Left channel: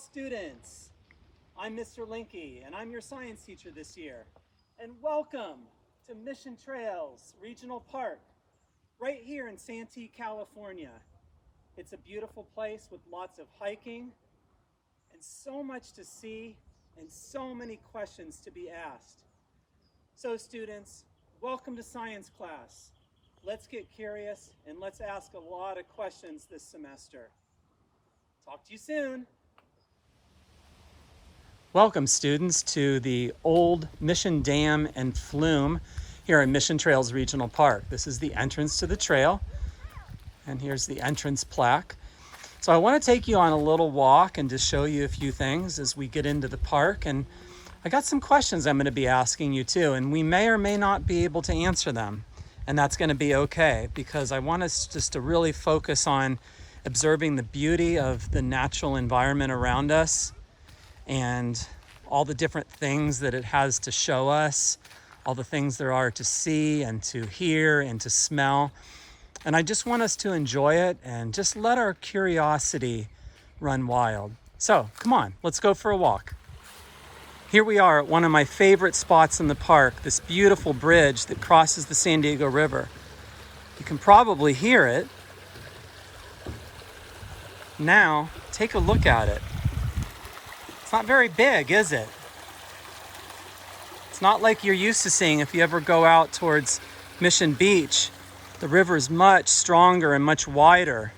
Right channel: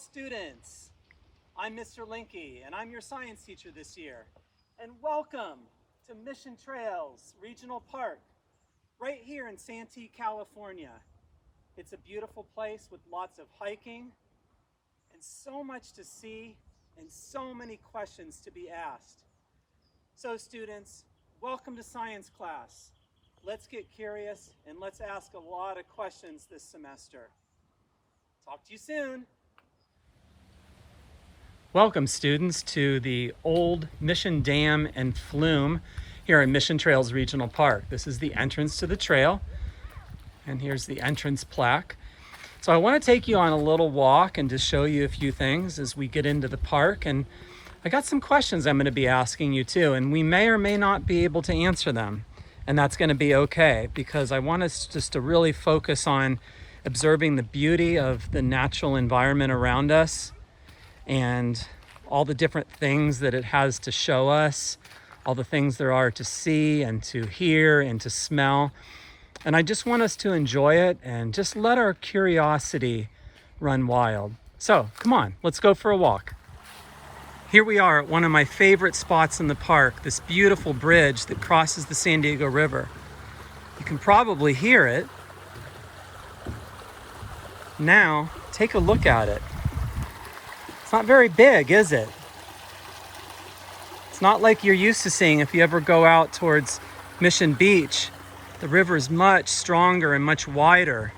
students. I'm Mr. Linke, and I'm your science teacher this year. And welcome to Mission Trails Regional Park, right here in Santee, California. It's a beautiful place with lots of hiking and so much to see and so many questions to be asked. So students, welcome to science class. Let's get curious and let's ask a lot of questions this semester. Talk to you soon. Welcome students to the old Mission Dam and Flume here in Mission Trails Regional Park. This is the entrance to the trail, and here's the entrance plaque. So I want to take you on a little walk and just show you a few things as we get into the park. And I got some questions I'm going to be asking you too, and we may or may not be able to answer them. And that's going to be okay, because I want us just to really focus on observing the beauty of the natural environment around us and all the different things that it has to show us, all the things there are to see and to hear and to smell. And I just want us to enjoy it and just let our curiosity run wild. So come on, let's go for a walk. Here we are at one of my favorite spots in the park, this beautiful bridge that crosses the San Diego River. You can probably hear it. Now, take a look at it. It's not very big, is it? It's not like you're used to seeing if you ever go out towards Mission Beach. The river is much stronger and much wider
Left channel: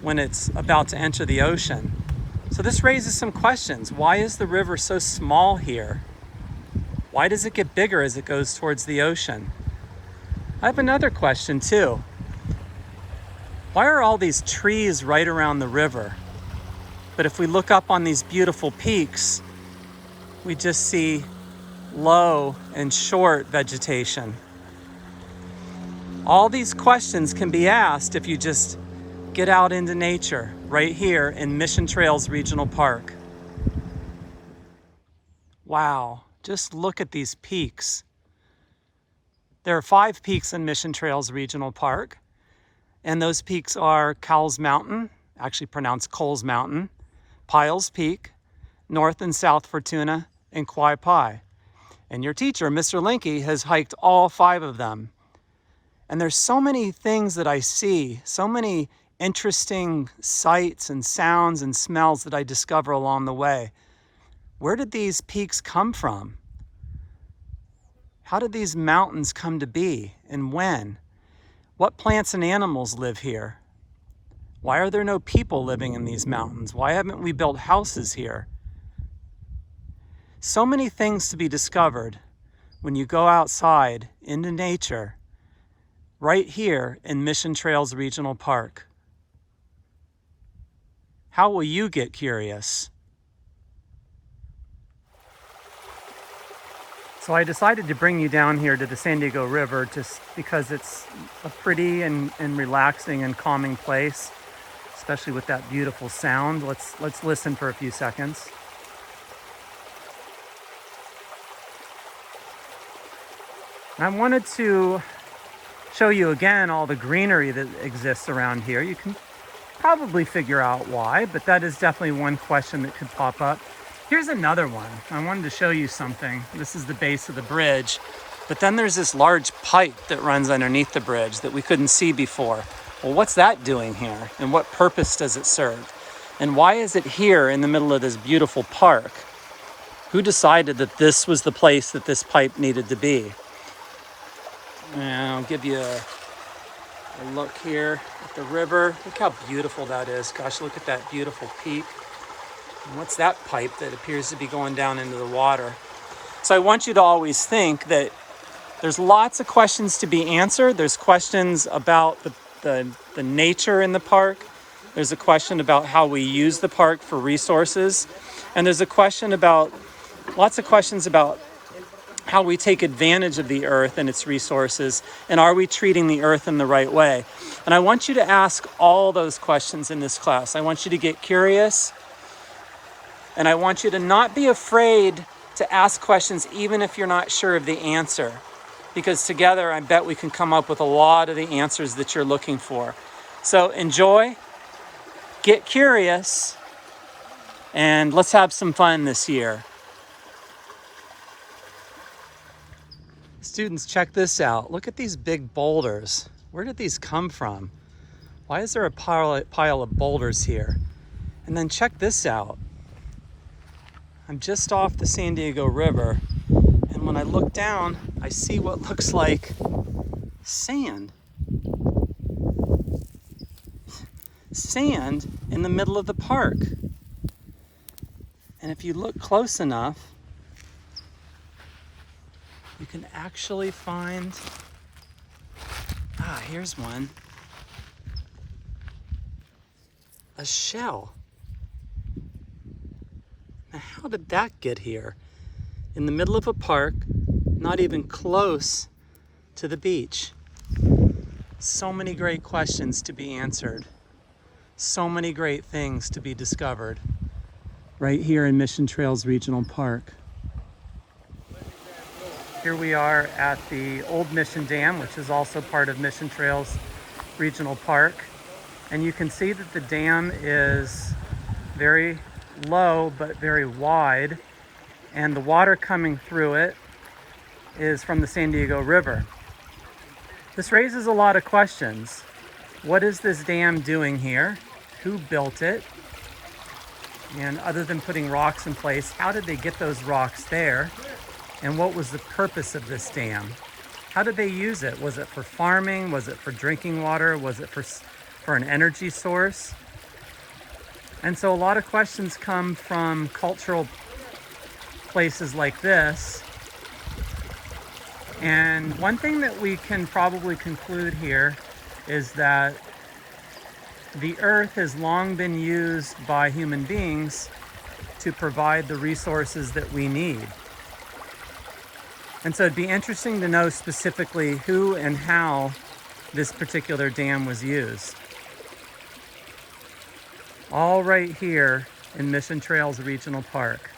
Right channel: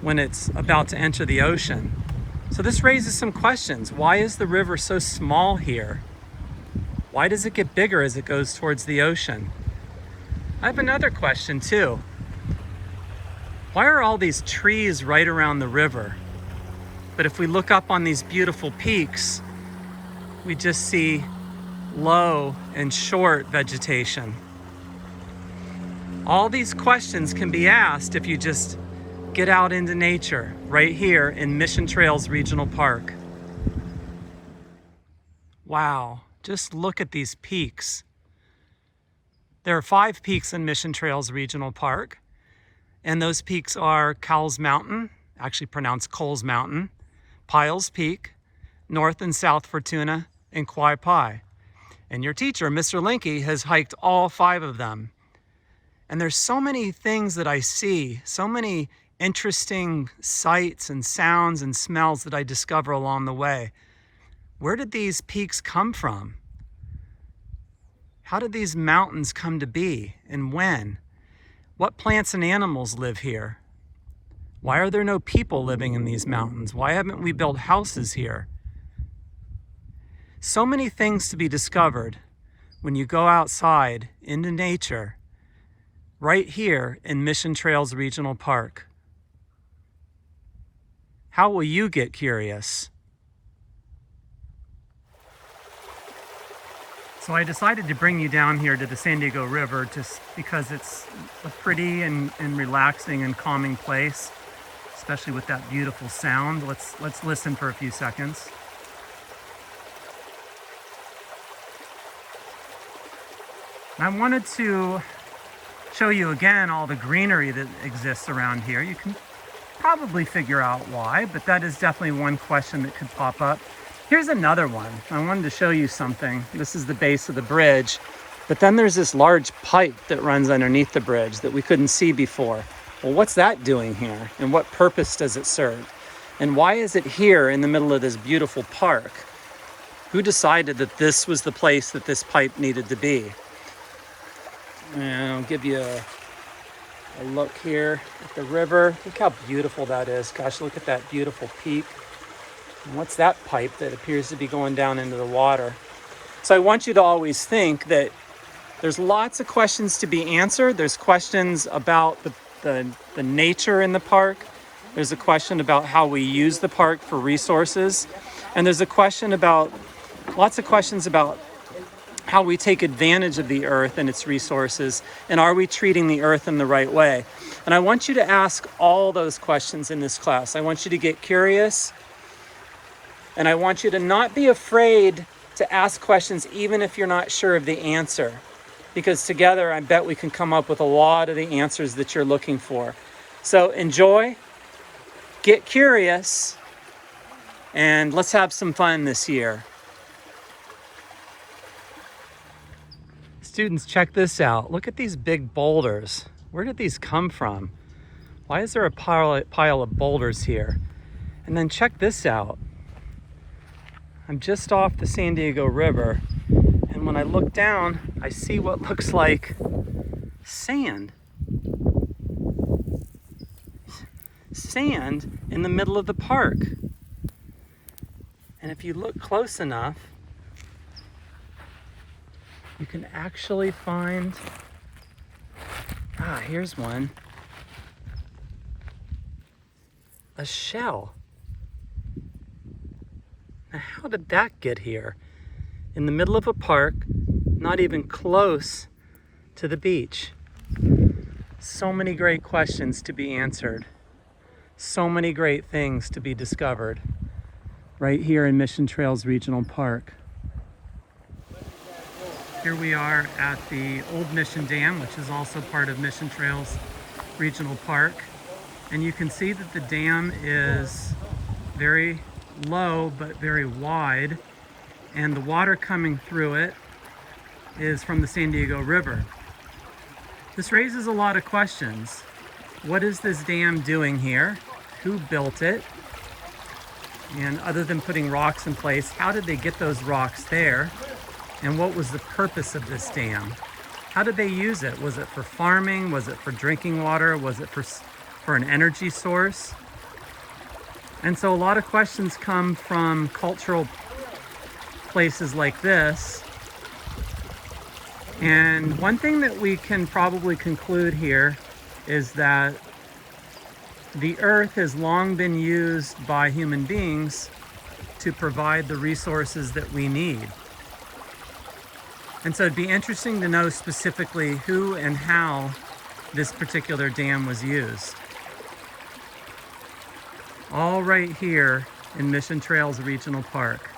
when it's about to enter the ocean. So this raises some questions. Why is the river so small here? Why does it get bigger as it goes towards the ocean? I have another question too. Why are all these trees right around the river? But if we look up on these beautiful peaks, we just see low and short vegetation. All these questions can be asked if you just get out into nature right here in Mission Trails Regional Park. Wow, just look at these peaks. There are 5 peaks in Mission Trails Regional Park, and those peaks are Cowles Mountain, actually pronounced Coles Mountain, Piles Peak, North and South Fortuna, and Quai Pai. And your teacher, Mr. Linke, has hiked all 5 of them. And there's so many things that I see, so many interesting sights and sounds and smells that I discover along the way. Where did these peaks come from? How did these mountains come to be, and when? What plants and animals live here? Why are there no people living in these mountains? Why haven't we built houses here? So many things to be discovered when you go outside into nature right here in Mission Trails Regional Park. How will you get curious? So I decided to bring you down here to the San Diego River just because it's a pretty and relaxing and calming place, especially with that beautiful sound. Let's listen for a few seconds. I wanted to show you again all the greenery that exists around here. You can probably figure out why, but that is definitely one question that could pop up. Here's another one. I wanted to show you something. This is the base of the bridge, but then there's this large pipe that runs underneath the bridge that we couldn't see before. Well, what's that doing here? And what purpose does it serve? And why is it here in the middle of this beautiful park? Who decided that this was the place that this pipe needed to be? And I'll give you a look here at the river. Look how beautiful that is. Gosh, look at that beautiful peak. And what's that pipe that appears to be going down into the water? So I want you to always think that there's lots of questions to be answered. There's questions about the nature in the park. There's a question about how we use the park for resources. And there's lots of questions about how we take advantage of the earth and its resources, and are we treating the earth in the right way? And I want you to ask all those questions in this class. I want you to get curious, and I want you to not be afraid to ask questions even if you're not sure of the answer, because together I bet we can come up with a lot of the answers that you're looking for. So enjoy, get curious, And let's have some fun this year. Students, check this out. Look at these big boulders. Where did these come from? Why is there a pile of boulders here? And then check this out. I'm just off the San Diego River, and when I look down, I see what looks like sand. Sand in the middle of the park. And if you look close enough, you can actually find, here's one, a shell. Now, how did that get here? In the middle of a park, not even close to the beach. So many great questions to be answered. So many great things to be discovered right here in Mission Trails Regional Park. Here we are at the Old Mission Dam, which is also part of Mission Trails Regional Park. And you can see that the dam is very low but very wide, and the water coming through it is from the San Diego River. This raises a lot of questions. What is this dam doing here? Who built it? And other than putting rocks in place, how did they get those rocks there? And what was the purpose of this dam? How did they use it? Was it for farming? Was it for drinking water? Was it for an energy source? And so a lot of questions come from cultural places like this. And one thing that we can probably conclude here is that the earth has long been used by human beings to provide the resources that we need. And so it'd be interesting to know specifically who and how this particular dam was used. All right here in Mission Trails Regional Park.